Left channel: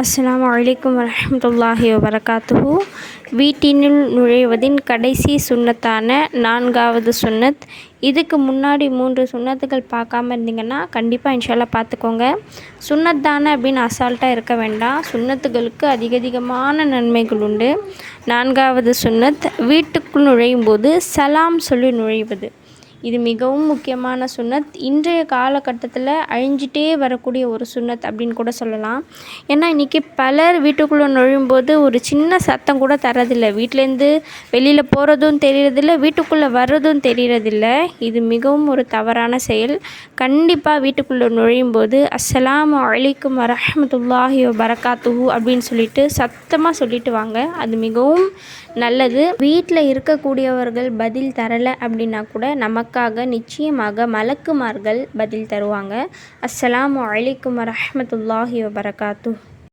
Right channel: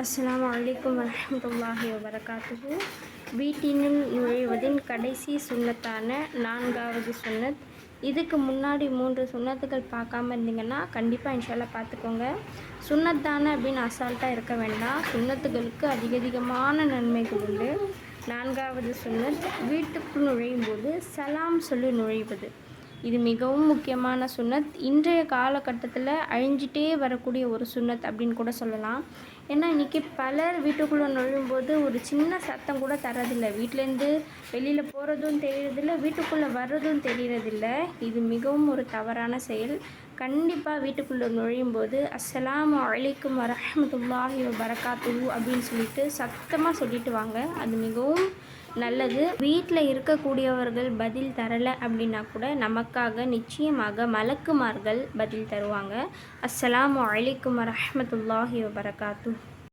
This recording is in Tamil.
அஸ்ஸலாமு அலைக்கும் வரஹ்மத்துல்லாஹி வபரகாத்துஹு. வீட்டினுள் நுழைவதின் கடைசி சுன்னத்தான 4வது சுன்னத். இதுக்கு முன்னாடி 3 சுன்னத்துகள் பார்க்காம இருந்தீங்கன்னா கண்டிப்பாக இன்ஷால்லா பார்த்துக்கோங்க. சுன்னத் தானே அப்படின்னு அசால்ட்டாக இருக்க வேண்டாம். சுன்னத்துகளுக்கு அதிகமான நன்மைகள் உண்டு. 4வது சுன்னத், வீட்டுக்குள் நுழையும் போது சலாம் சொல்லி நுழைவது. இது மிகவும் முக்கியமான சுன்னத். இன்றைய காலகட்டத்தில் அழிஞ்சிட்டே வரக்கூடிய ஒரு சுன்னத் அப்படின்னு கூட சொல்லலாம். ஏன்னா இன்றைக்கி பலர் வீட்டுக்குள்ளே நுழையும்போது ஒரு சின்ன சத்தம் கூட தரதில்லை. வீட்டிலேருந்து வெளியில் போகிறதும் தெரியறதில்லை, வீட்டுக்குள்ளே வர்றதும் தெரியறதில்ல. இது மிகவும் ஒரு தவறான செயல். கண்டிப்பாக வீட்டுக்குள்ளே நுழையும் போது அஸ்ஸலாமு அலைக்கும் வரஹ்மத்துல்லாஹி வபரகாத்துஹு அப்படின்னு சொல்லிட்டு சத்தமாக சொல்லிட்டு வாங்க. அது மிகவும் நல்லது. வீட்டில் இருக்கக்கூடியவர்கள் பதில் தரலை அப்படின்னா கூட நமக்காக நிச்சயமாக மலக்குமார்கள் பதில் தருவாங்க. அஸ்ஸலாமு அலைக்கும் வரஹ்மத்துல்லாஹி வபரகாத்துஹு.